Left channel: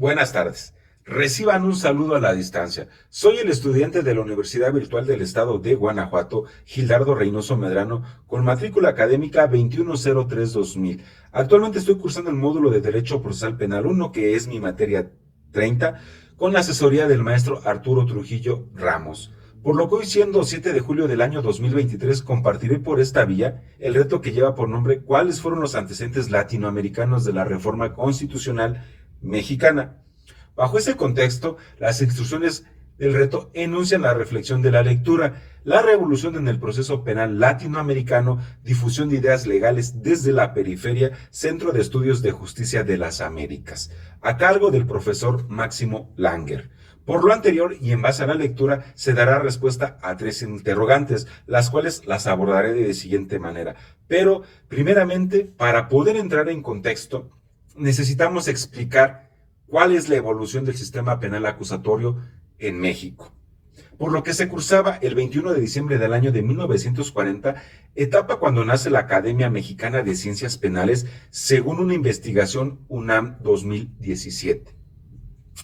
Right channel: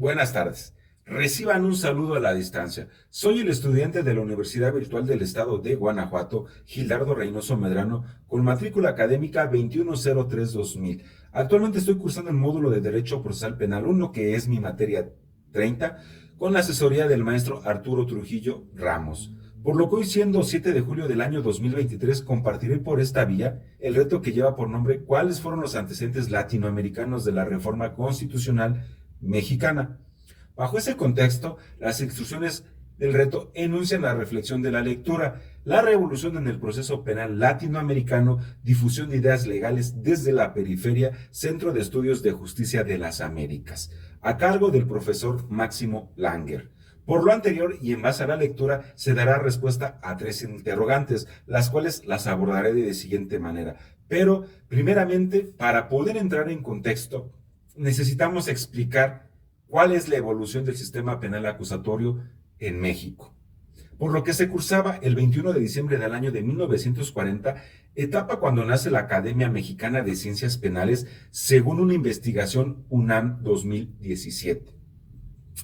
Buenas tardes. Reciban un saludo a la distancia. Soy el estudiante de la Universidad Virtual del Estado de Guanajuato, Gildardo Reynoso Medrano, con matrícula académica 2103-2000. Actualmente estoy cursando el módulo de Derecho Procesal Penal 1, que es mi materia 30, con la asesoría del maestro Arturo Trujillo Ramos. Por lo que hoy, siendo 7 de julio del año 2023, compartiré por esta vía el reto que lleva por nombre ¿Cuáles fueron los antecedentes latinoamericanos de la reforma constitucional mexicana? Bajo ese contexto, las instrucciones del reto enuncian la reflexión de la lectura, la revolución en el proceso penal latinoamericano, difusión de ideas legales desde la periferia, Centro de Estudios de Justicia de las Américas, a cargo del profesor Máximo Langer. Por lo anterior y en base a la lectura se dará respuesta a 3 interrogantes, las cuales las abordaré de la siguiente manera. Pero, primeramente, para poder entrar en contexto, necesitamos explicar cuál es la evolución del sistema penal acusatorio en México. Por lo que se cursaba el 21 de diciembre del año de 1940, etapa cuando nace la Academia Mexicana de Ciencias Penales, según una investigación UNAM 2017.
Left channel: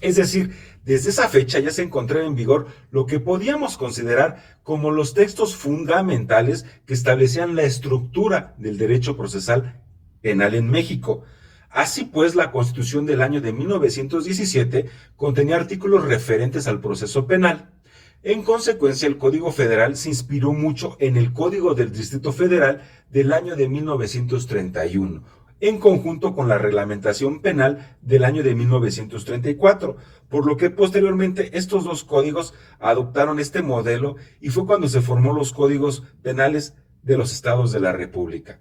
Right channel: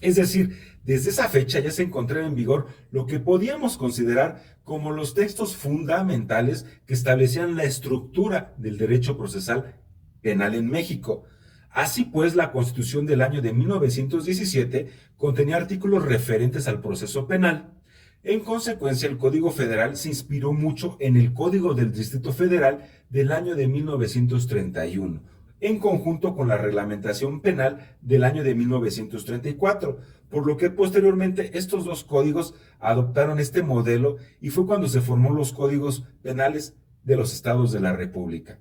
Es decir, desde esa fecha ya se encontraba en vigor lo que podíamos considerar como los textos fundamentales que establecían la estructura del derecho procesal penal en México. Así pues, la Constitución del año de 1917 contenía artículos referentes al proceso penal. En consecuencia, el Código Federal se inspiró mucho en el Código del Distrito Federal del año de 1931, en conjunto con la reglamentación penal del año de 1934, por lo que posteriormente estos dos códigos adoptaron este modelo y fue cuando se formó los códigos penales de los estados de la República.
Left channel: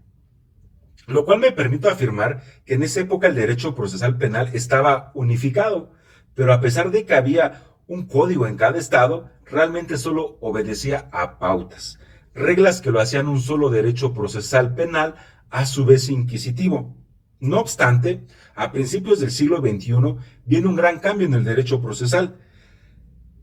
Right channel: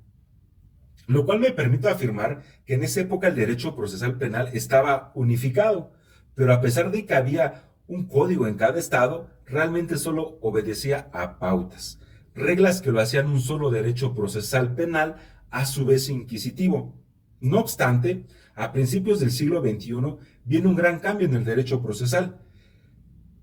Lo cual me permite afirmar que en esa época el derecho procesal penal estaba unificado, pero a pesar de que había un código en cada estado, realmente solo obedecía a pautas, reglas que lo hacían un solo derecho procesal penal, a su vez inquisitivo. No obstante, a principios del siglo XXI viene un gran cambio en el derecho procesal,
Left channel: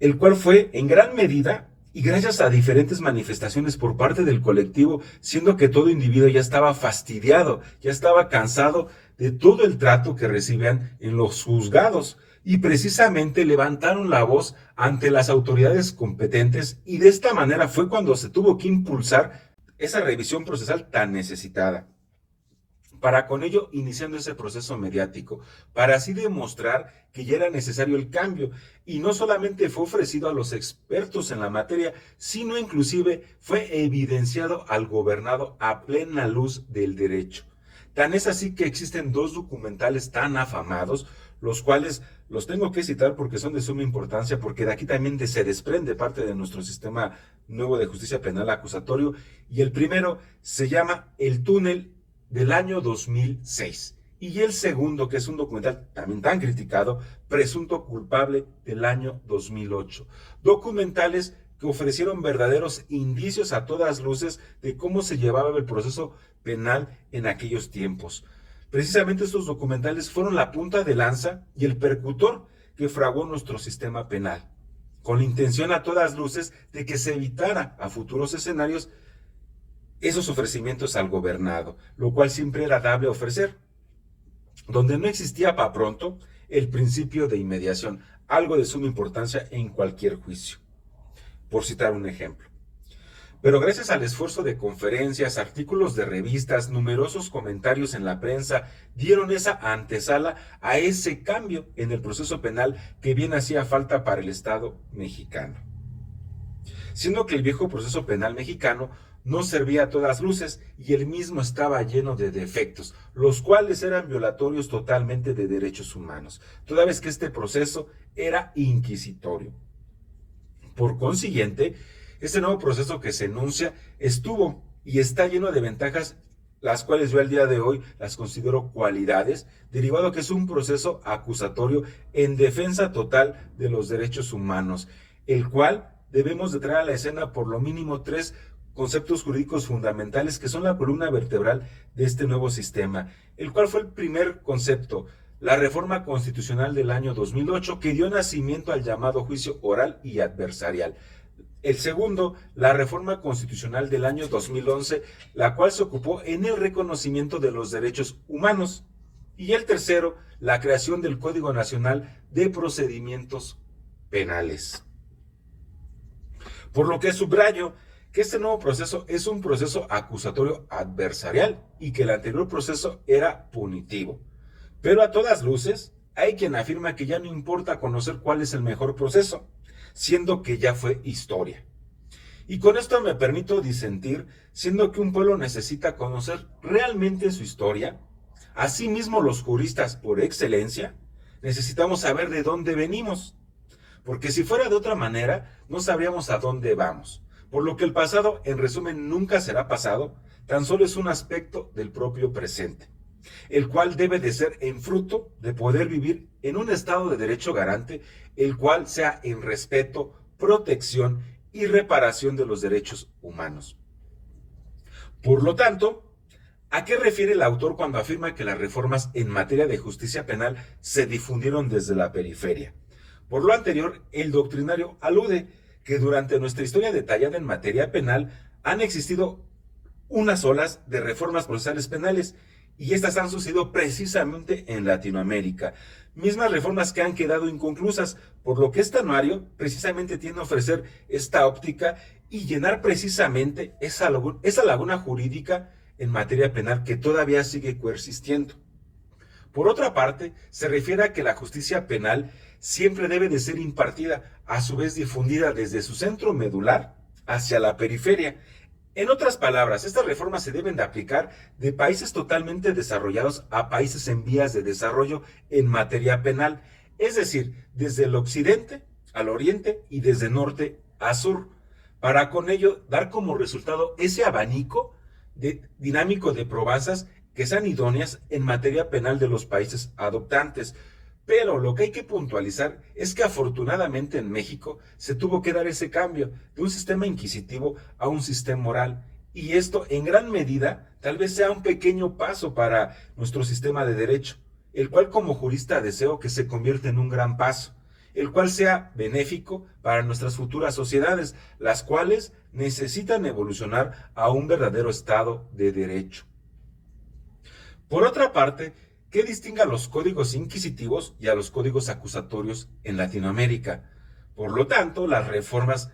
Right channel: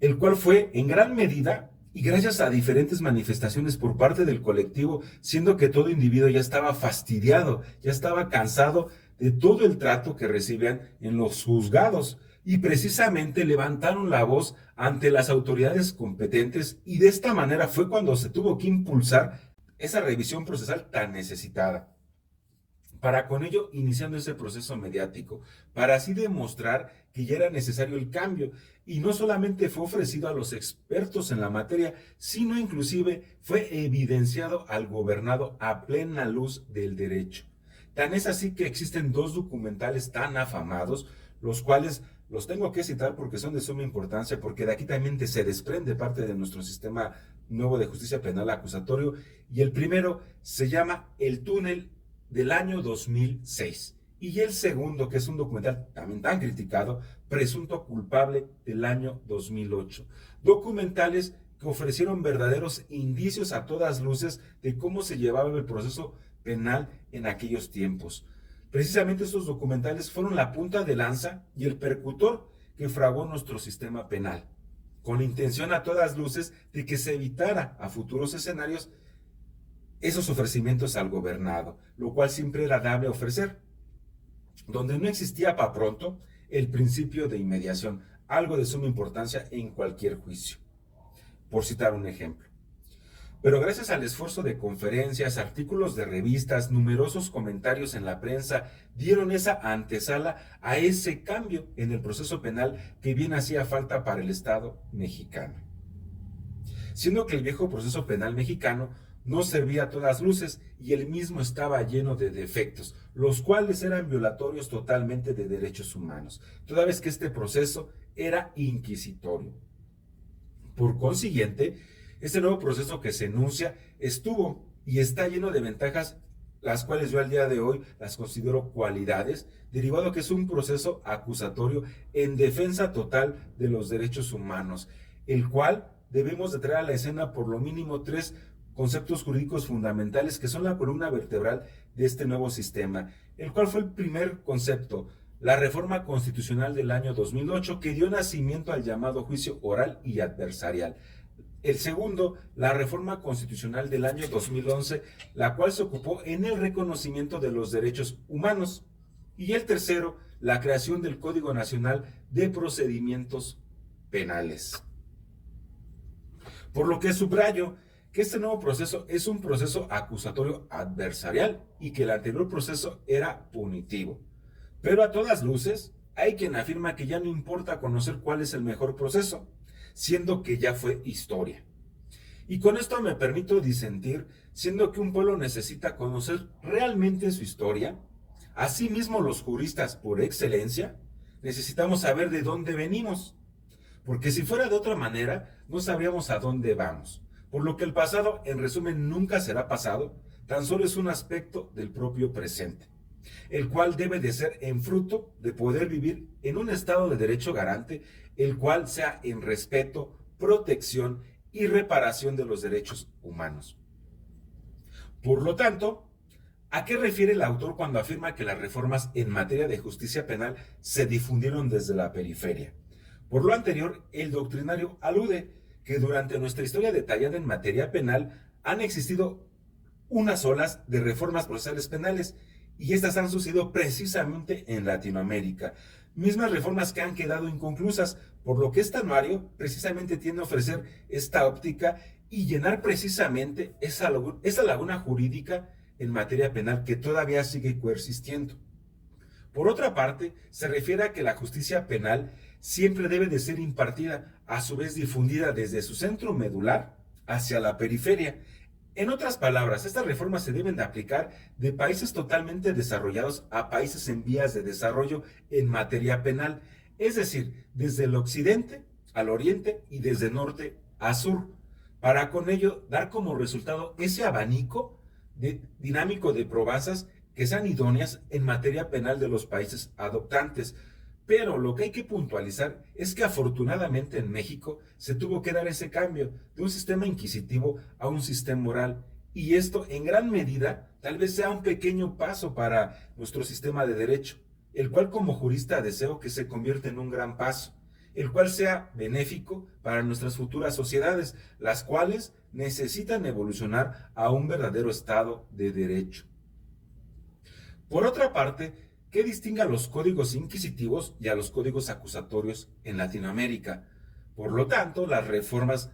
el cual fue en gran medida y gracias a diferentes manifestaciones por parte del colectivo, siendo que todo individuo ya estaba fastidiado, ya estaba cansado de todo el trato que recibían en los juzgados y precisamente levantaron la voz ante las autoridades competentes y de esta manera fue cuando se tuvo que impulsar esa revisión procesal tan necesitada. Para con ello iniciando ese proceso mediático, para así demostrar que ya era necesario el cambio, y no solamente fue ofrecido a los expertos en la materia, sino inclusive fue evidenciado al gobernado a plena luz del derecho. Tan es así que existen dos documentales tan afamados, los cuales los tengo que citar porque son de suma importancia, porque de aquí también se desprende parte de nuestro sistema nuevo de justicia penal acusatorio, y el primero se llama El túnel del año 2006. Y el segundo, que es un documental también tan criticado, Presunto culpable del año 2008. Documentales que ofrecieron verdaderos indicios a todas luces de cómo se llevaba el proceso penal en aquellos tiempos. Precisamente estos documentales fueron la punta de lanza y el percutor que fraguó nuestro sistema penal, con la intención a todas luces de que se evitara a futuros escenarios esos ofrecimientos al gobernado, lo cual siempre era dable ofrecer, donde no existía para pronto el principio de inmediación, algo de suma importancia en cualquier juicio, por citar un ejemplo. Pero gracias al esfuerzo de conferencias, artículos de revistas, numerosos comentarios en la prensa, dieron esa antesala a ese cambio en el proceso penal que bien hacía falta para el Estado mexicano. Siendo que el viejo proceso penal mexicano no servía a todas luces y el mismo estaba lleno de defectos, los cuales eran violatorios totalmente de derechos humanos, toda vez que este proceso era inquisitorio. Por consiguiente, este nuevo proceso que se enuncia estuvo y está lleno de ventajas, las cuales yo al día de hoy las considero cualidades, derivado que es un proceso acusatorio en defensa total de los derechos humanos, el cual debemos de traer a la escena por lo mínimo 3 conceptos jurídicos fundamentales que son la columna vertebral de este nuevo sistema, el cual fue el primer concepto, la reforma constitucional del año 2008 que dio nacimiento al llamado juicio oral y adversarial. El segundo, la reforma constitucional del año 2011, la cual se ocupó en el reconocimiento de los derechos humanos. Y el tercero, la creación del Código Nacional de Procedimientos Penales. Por lo que subrayo que este nuevo proceso es un proceso acusatorio adversarial y que el anterior proceso era punitivo. Pero a todas luces, hay quien afirma que ya no importa conocer cuál es el mejor proceso, siendo que ya fue historia. Y con esto me permito disentir, siendo que un pueblo necesita conocer realmente su historia. Asimismo, los juristas por excelencia necesitamos saber de dónde venimos, porque si fuera de otra manera, no sabríamos a dónde vamos. Por lo que el pasado, en resumen, nunca será pasado, tan solo es un aspecto del propio presente, el cual debe de ser en fruto de poder vivir en un estado de derecho garante, el cual sea en respeto, protección y reparación de los derechos humanos. Por lo tanto, ¿a qué refiere el autor cuando afirma que las reformas en materia de justicia penal se difundieron desde la periferia? Por lo anterior, el doctrinario alude que durante nuestra historia detallada en materia penal han existido unas olas de reformas procesales penales y estas han sucedido precisamente en Latinoamérica. Mismas reformas que han quedado inconclusas, por lo que este anuario precisamente tiene a ofrecer esta óptica y llenar precisamente esa laguna jurídica en materia penal que todavía sigue coexistiendo. Por otra parte, se refiere a que la justicia penal siempre debe de ser impartida, a su vez difundida desde su centro medular hacia la periferia. En otras palabras, estas reformas se deben de aplicar de países totalmente desarrollados a países en vías de desarrollo en materia penal, es decir, desde el occidente al oriente y desde norte a sur, para con ello dar como resultado ese abanico dinámico de probazas que sean idóneas en materia penal de los países adoptantes. Pero lo que hay que puntualizar es que afortunadamente en México se tuvo que dar ese cambio de un sistema inquisitivo a un sistema moral. Y esto en gran medida tal vez sea un pequeño paso para nuestro sistema de derecho, el cual como jurista deseo que se convierta en un gran paso, el cual sea benéfico para nuestras futuras sociedades, las cuales necesitan evolucionar a un verdadero Estado de Derecho. Por otra parte, ¿qué distingue a los códigos inquisitivos y a los códigos acusatorios en Latinoamérica? Por lo tanto, las reformas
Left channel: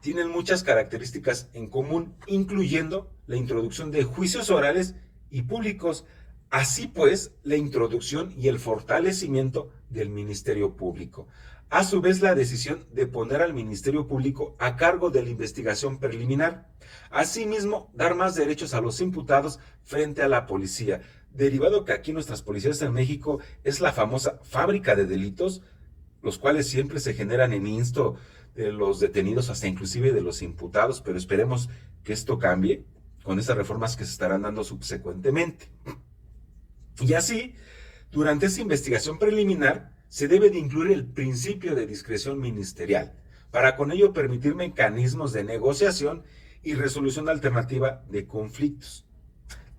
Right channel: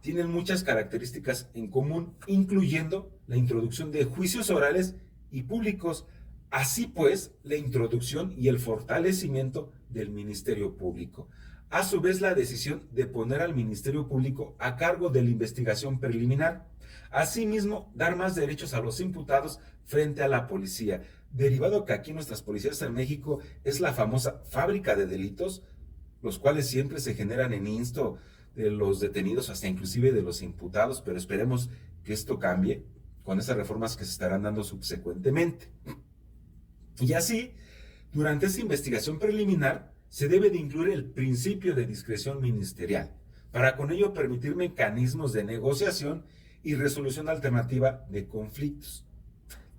tienen muchas características en común, incluyendo la introducción de juicios orales y públicos, así pues, la introducción y el fortalecimiento del Ministerio Público. A su vez, la decisión de poner al Ministerio Público a cargo de la investigación preliminar. Asimismo, dar más derechos a los imputados frente a la policía, derivado que aquí nuestras policías en México es la famosa fábrica de delitos, los cuales siempre se generan en insto de los detenidos, hasta inclusive de los imputados, pero esperemos que esto cambie con esas reformas que se estarán dando subsecuentemente. Y así, durante esa investigación preliminar, se debe de incluir el principio de discreción ministerial, para con ello permitir mecanismos de negociación y resolución alternativa de conflictos,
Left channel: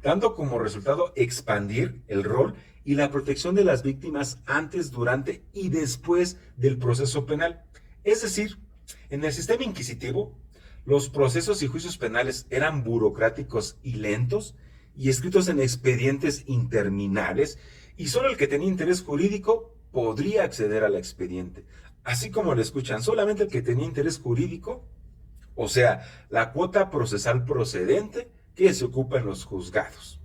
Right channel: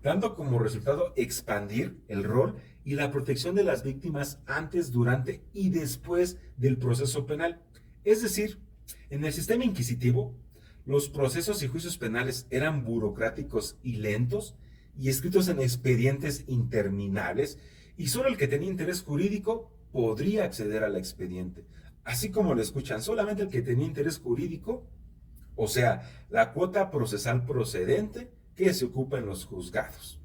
dando como resultado expandir el rol y la protección de las víctimas antes, durante y después del proceso penal. Es decir, en el sistema inquisitivo, los procesos y juicios penales eran burocráticos y lentos y escritos en expedientes interminables, y solo el que tenía interés jurídico podría acceder al expediente. Así como lo escuchan, solamente el que tenía interés jurídico, o sea, la cuota procesal procedente que se ocupa en los juzgados.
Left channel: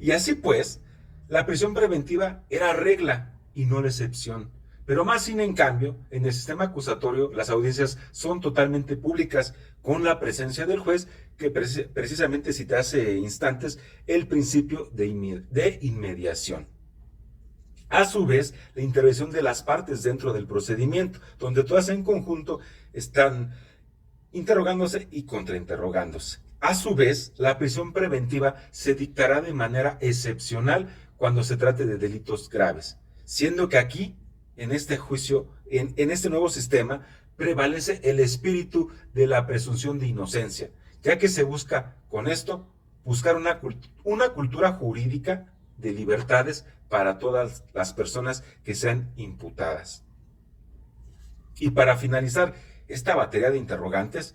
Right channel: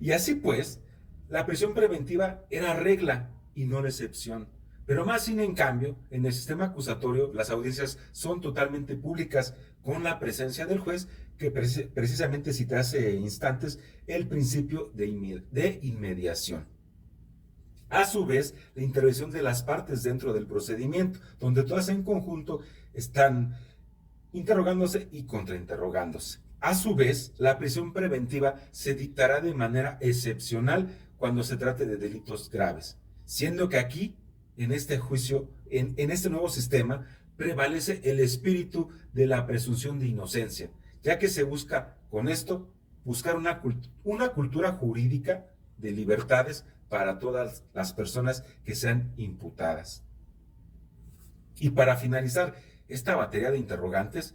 Y así pues, la prisión preventiva era regla y no la excepción. Pero más sin en cambio, en el sistema acusatorio, las audiencias son totalmente públicas, con la presencia del juez, que precisamente cité hace instantes el principio de inmediación. A su vez, la intervención de las partes dentro del procedimiento, donde todas en conjunto están interrogándose y contrainterrogándose. A su vez, la prisión preventiva se dictará de manera excepcional cuando se trate de delitos graves, siendo que aquí, en este juicio, en este nuevo sistema, prevalece el espíritu de la presunción de inocencia, ya que se busca con esto buscar una cultura jurídica de libertades para todas las personas que sean imputadas. Y para finalizar esta batería de interrogantes,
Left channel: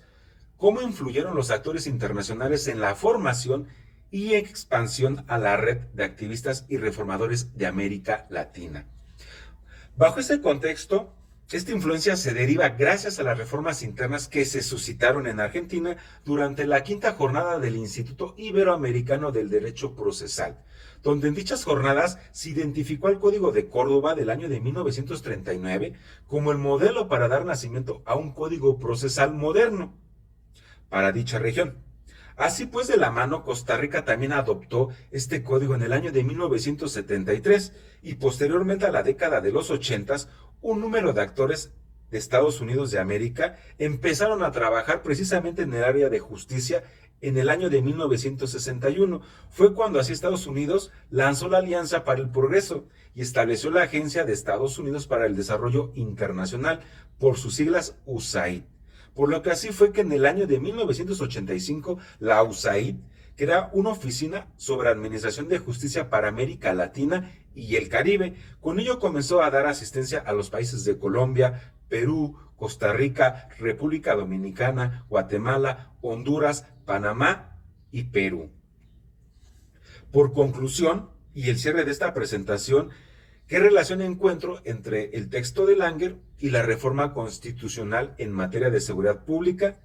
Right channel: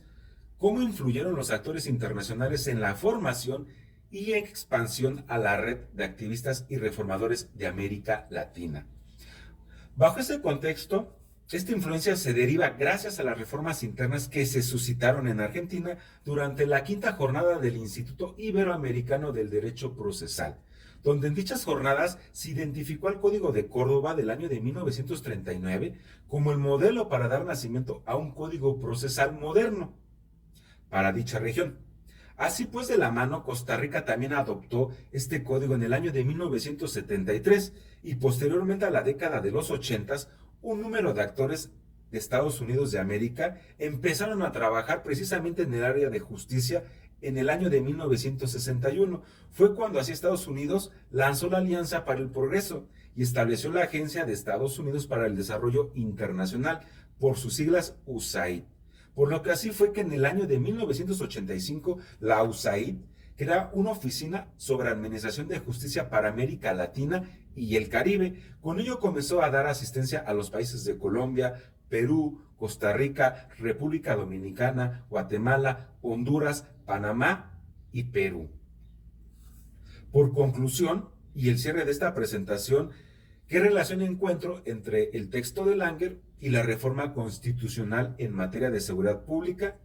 ¿cómo influyeron los actores internacionales en la formación y expansión a la red de activistas y reformadores de América Latina. Bajo este contexto, esta influencia se deriva gracias a las reformas internas que se suscitaron en Argentina durante la quinta jornada del Instituto Iberoamericano del Derecho Procesal, donde en dichas jornadas se identificó al Código de Córdoba del año de 1939 como el modelo para dar nacimiento a un código procesal moderno para dicha región. Así pues, de la mano, Costa Rica también adoptó este código en el año de 1973 y posteriormente a la década de los 80, un número de actores de Estados Unidos de América empezaron a trabajar precisamente en el área de justicia en el año de 1961. Fue cuando así Estados Unidos lanzó la Alianza para el Progreso y estableció la Agencia de Estados Unidos para el Desarrollo Internacional, por sus siglas USAID. Por lo que así fue que en el año de 1985 la USAID crea una oficina sobre administración de justicia para América Latina y el Caribe. Con ello comenzó a dar asistencia a los países de Colombia, Perú, Costa Rica, República Dominicana, Guatemala, Honduras, Panamá y Perú. Por conclusión, y el cierre de esta presentación, ¿qué relación encuentro entre el texto de Langer y la reforma constitucional en materia de seguridad pública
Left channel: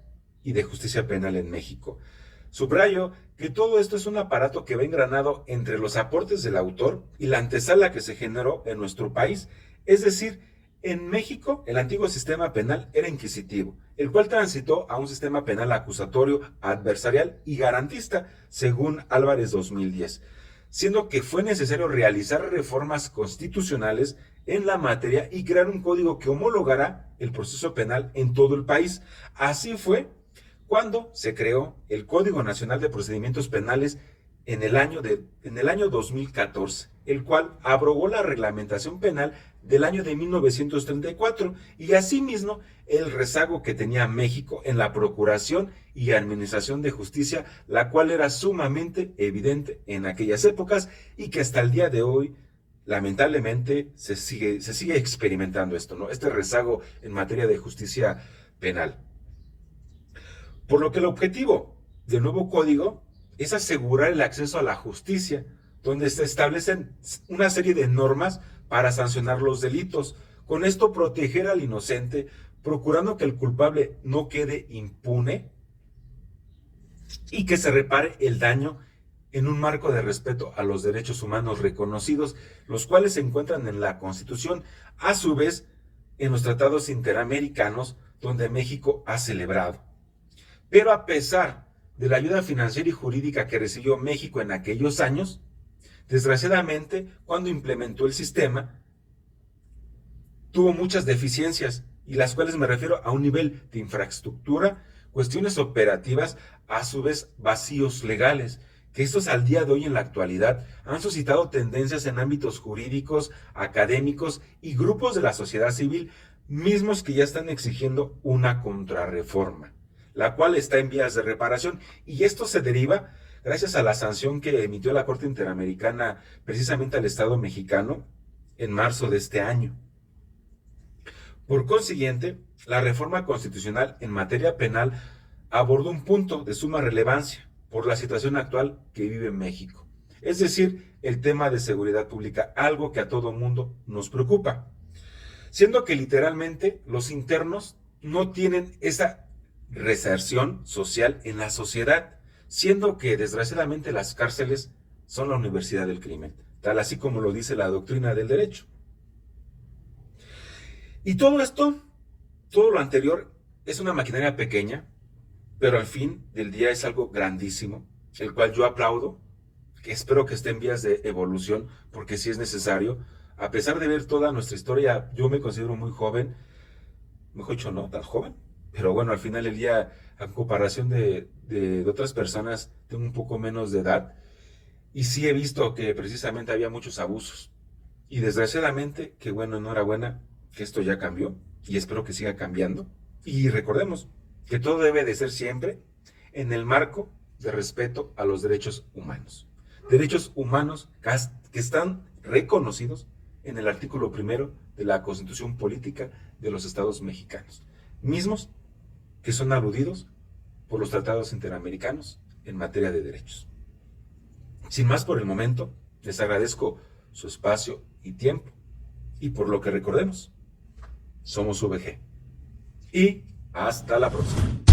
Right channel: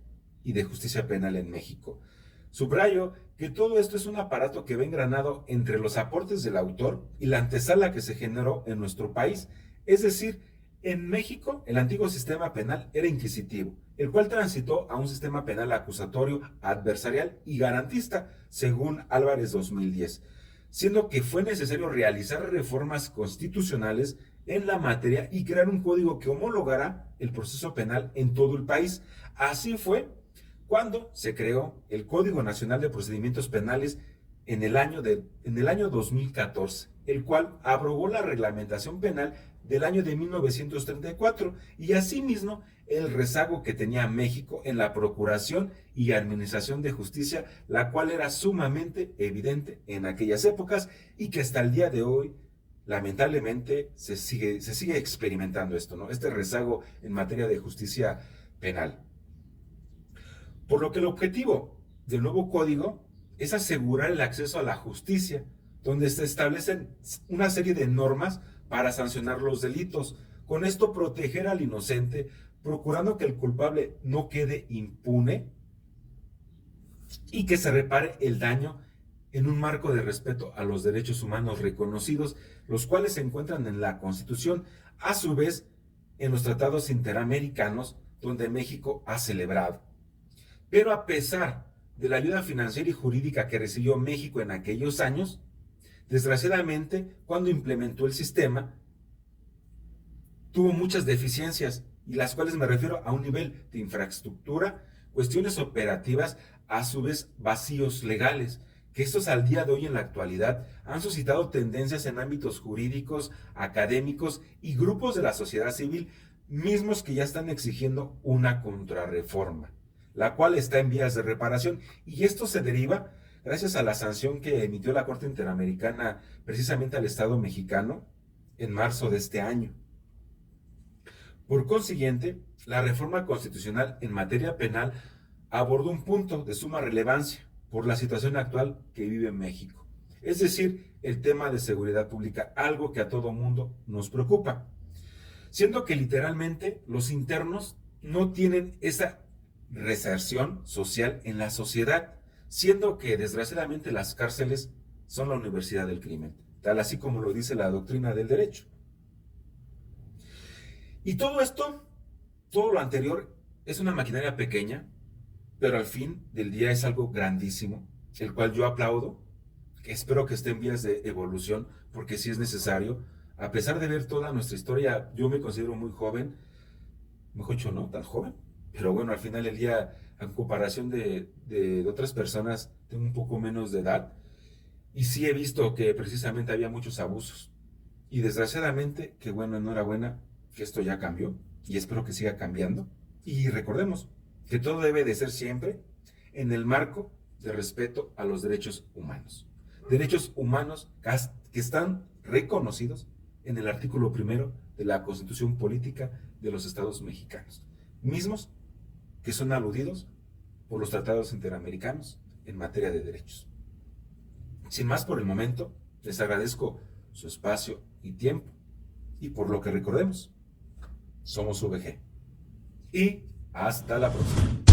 y de justicia penal en México? Subrayo que todo esto es un aparato que va engranado entre los aportes del autor y la antesala que se generó en nuestro país. Es decir, en México el antiguo sistema penal era inquisitivo, el cual transitó a un sistema penal acusatorio, adversarial y garantista, según Álvarez 2010. Siendo que fue necesario realizar reformas constitucionales en la materia y crear un código que homologara el proceso penal en todo el país. Así fue cuando se creó el Código Nacional de Procedimientos Penales en el año 2014, el cual abrogó la reglamentación penal del año de 1934 y asimismo el rezago que tenía México en la procuración y administración de justicia, la cual era sumamente evidente en aquellas épocas y que hasta el día de hoy lamentablemente se sigue experimentando esto, ¿no? Este rezago en materia de justicia penal. Por lo que el objetivo del nuevo código es asegurar el acceso a la justicia, donde se establecen una serie de normas para sancionar los delitos. Con esto proteger al inocente, procurando que el culpable no quede impune y que se repare el daño en un marco de respeto a los derechos humanos reconocidos, los cuales se encuentran en la Constitución, a su vez en los tratados interamericanos donde México ha celebrado. Pero a pesar de la ayuda financiera y jurídica que recibió México en aquellos años, desgraciadamente, cuando implementó el sistema, tuvo muchas deficiencias, y las cuales me refiero a un nivel de infraestructura, cuestiones operativas, a su vez vacíos legales, que estos al día de hoy en la actualidad han suscitado tendencias en ámbitos jurídicos, académicos y grupos de la sociedad civil, mismos que ya están exigiendo una contrarreforma, la cual está en vías de reparación, y esto se deriva gracias a la sanción que emitió la Corte Interamericana precisamente al Estado mexicano en marzo de este año. Por consiguiente, la reforma constitucional en materia penal abordó un punto de suma relevancia por la situación actual que vive México, es decir, el tema de seguridad pública, algo que a todo mundo nos preocupa, siendo que literalmente los internos no tienen esa reinserción social en la sociedad, siendo que desgraciadamente las cárceles son la universidad del crimen, tal así como lo dice la doctrina del derecho. Y todo esto, todo lo anterior, es una maquinaria pequeña, pero al fin del día es algo grandísimo, el cual yo aplaudo, que espero que esté en vías de evolución, porque sí es necesario. A pesar de ver toda nuestra historia, yo me considero muy joven, mejor dicho, no tan joven, pero bueno, al final del día, a comparación de otras personas, tengo un poco menos de edad, y sí he visto que precisamente había muchos abusos. Y desgraciadamente, que bueno, enhorabuena, que esto ya cambió, y espero que siga cambiando. Y recordemos que todo debe de ser siempre en el marco de respeto a los derechos humanos. Derechos humanos que están reconocidos en el artículo 1 de la Constitución Política de los Estados Mexicanos, mismos que son aludidos por los tratados interamericanos en materia de derechos. Sin más por el momento, les agradezco su espacio y tiempo. Y por lo que recordemos, somos VG. Y hasta la próxima.